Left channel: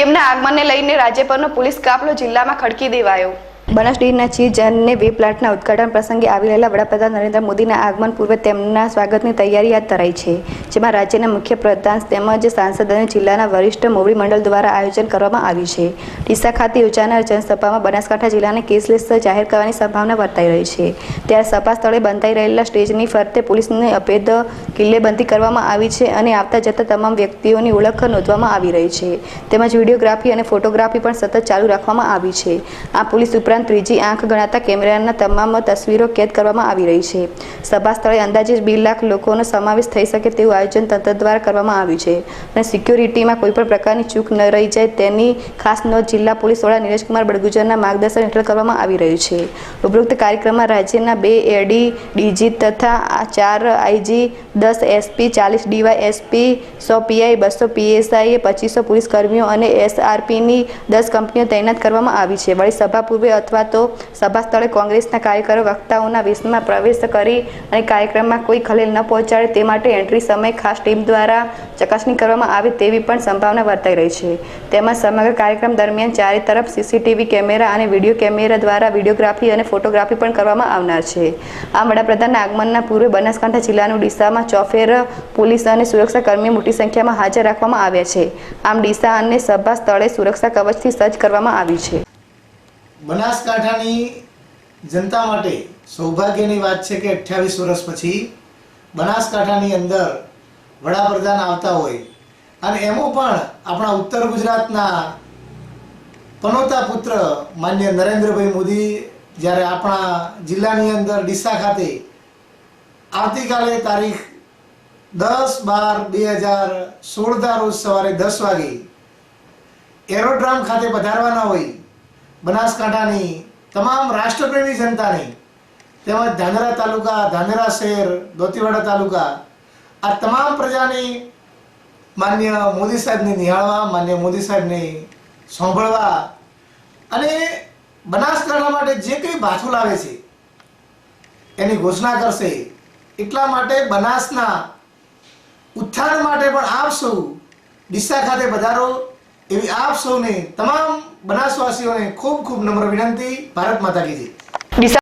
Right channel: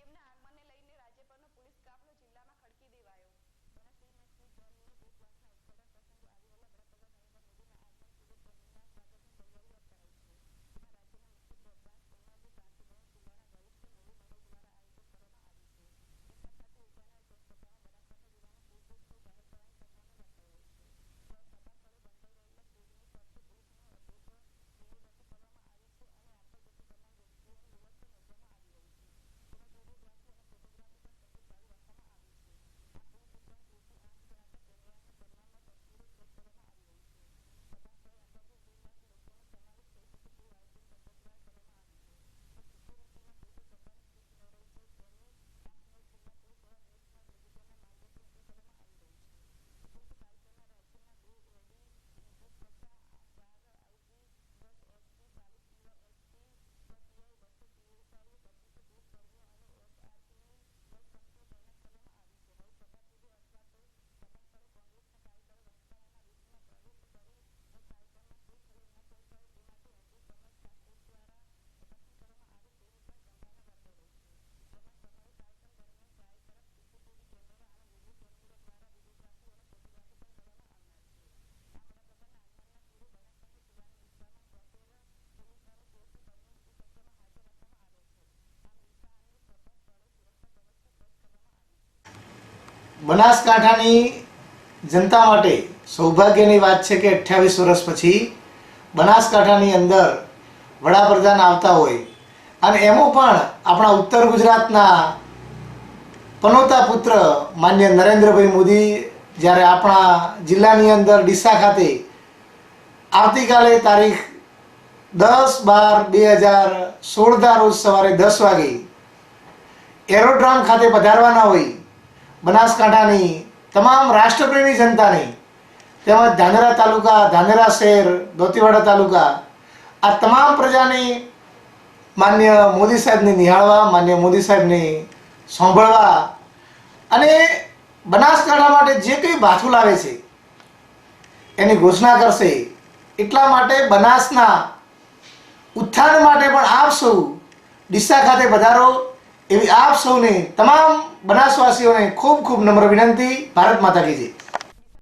તેમના આગમનને લઈને રાજ્યભરનો પોલીસ કાફલો જિલ્લામાં ખડકી દેવાયો. બનાસ ચીજ અને વે પ્લાન્ટના ઉદઘાટન પ્રસંગે આવી રહેલા વડાપ્રધાન નરેન્દ્ર મોદીના આગમન પૂર્વે તેમના સ્વાગતની તૈયારી હાથ ધરાઈ છે, જેમાં રાજ્યના મુખ્ય પ્રધાન તેમજ સાંસદ અને જિલ્લાના વરિષ્ઠ મોવડી મંડળ દ્વારા આયોજન કરવામાં આવ્યું છે. ડીસા ખાતે યોજાનાર જનસભામાં બનાસકાંઠા જિલ્લાને કેસલેસ જાહેર કરવાની સંભાવના વર્તાઈ રહી છે. ત્યારે સભા સ્થળે બંધાઈ રહેલા સ્ટેજની ફરતે પોલીસની અભેદ કિલ્લેબંધી કરવામાં આવી છે અને આવતા જતા તમામ વ્યક્તિઓની ઓળખ નોંધવામાં આવી રહી છે. તેમજ વિડીયોગ્રાફી અને ફોટોગ્રાફી પણ સતત ચાલુ રાખવામાં આવી છે. આ પોલીસ ઉપરાંત ત્રીજી આંખ ગણાતા કેમેરાના તમામ તસવીરો કેદ કરવામાં આવી રહી છે. સભા સ્થળે અંદાજે બે લાખ લોકોનો સમાવેશ થઈ શકે તેવું આયોજન તંત્ર દ્વારા કરવામાં આવ્યું છે અને સિક્યોરિટીમાં કોઈપણ પ્રકારની ચૂક ન રહી જાય તેની ખાસ નોંધ જિલ્લા પોલીસ વડા નીરજકુમાર બડગુજરના માર્ગદર્શન હેઠળ કરવામાં આવી રહ્યું છે. ઉપરોક્ત કાર્યક્રમમાં રાજ્યના બે એડી, ડીજી તથા ચાર આઈજી, દસ એસપી, ચાલીસ ડીવાય એસપી, સો પીઆઈ, બસો પીએસઆઈ પચીસો પોલીસ કર્મીઓ અને એસઆરપીની દસ કંપનીઓ તૈનાત કરવામાં આવી છે. વળી સભા પૂર્વે અથવા તો સભા સ્થળે કોંગ્રેસના કાર્યકરો વક્તાઓના વિષમાં પ્રવેશ કરી અને કાર્યક્રમમાં કોઈ ખલેલ ન પહોંચાડે તે માટે એન્ટ્રી સમય ખાસ ટીમ દ્વારા ચકાસણી કરવામાં આવે તેવી પણ સંભાવના વર્તાઈ રહી છે. તેમજ સમગ્ર કાર્યક્રમ દરમિયાન ચારે તરફ સીસીટીવી કેમેરા અને વીડિયો કેમેરા દ્વારા વિડીયોગ્રાફી અને ફોટોગ્રાફી પણ કરવામાં આવનાર છે. આ વડાપ્રધાનના આગમનના પૂર્વે બનાસકાંઠા જિલ્લાનું ડીસામાં ચોફેર પોલીસ અને સુરક્ષાકર્મીઓ મોટી સંખ્યામાં હાજર રાખવામાં આવ્યા છે. આમ ડીસા અને સભા સ્થળે સુરક્ષા કવચથી સજ્જ કરવામાં આવી છે. બનાસકાંઠાની જનતા માટે સૌભાગ્યની વાત છે કે અઠ્યાવીસ વર્ષ પછી બનાસકાંઠાની અંદર વડાપ્રધાન આવતા હોય. અને એમાં પણ આપણા ઉત્તર ગુજરાતના પનોતા પુત્ર માન્ય નરેન્દ્રભાઈ મોદી જ્યારે આપણા જિલ્લાની અંદર ડીસા ખાતે આવતીકાલે તારીખ દસ બાર બે હજાર સોળના રોજ સવારે દસ વાગે એરોડ્રામ ખાતે પધારવાના હોય બનાસકાંઠાની તમામ રાષ્ટ્રપ્રેમી જનતાની, તેમજ ધાનેરા તાલુકા, ધાનેરા શહેર, દોતીવાડા તાલુકા, આ તમામ પ્રજાની માન્ય મોદી સાહેબને નિહાળવા, માન્ય મોદી સાહેબને સાંભળવા અને બનાસકાંઠા માટે જે કંઈ બાથું લાવે છે, એની ઘોષણા કરશે. એટલા માટે બનાસના ઉત્થાન માટે પણ આપ સૌ ખાતે પધારો. એવી આપ સૌને તમામ બનાસવાસીઓને ખૂબ ખૂબ નમ્ર વિનંતી. ભારત માતા કી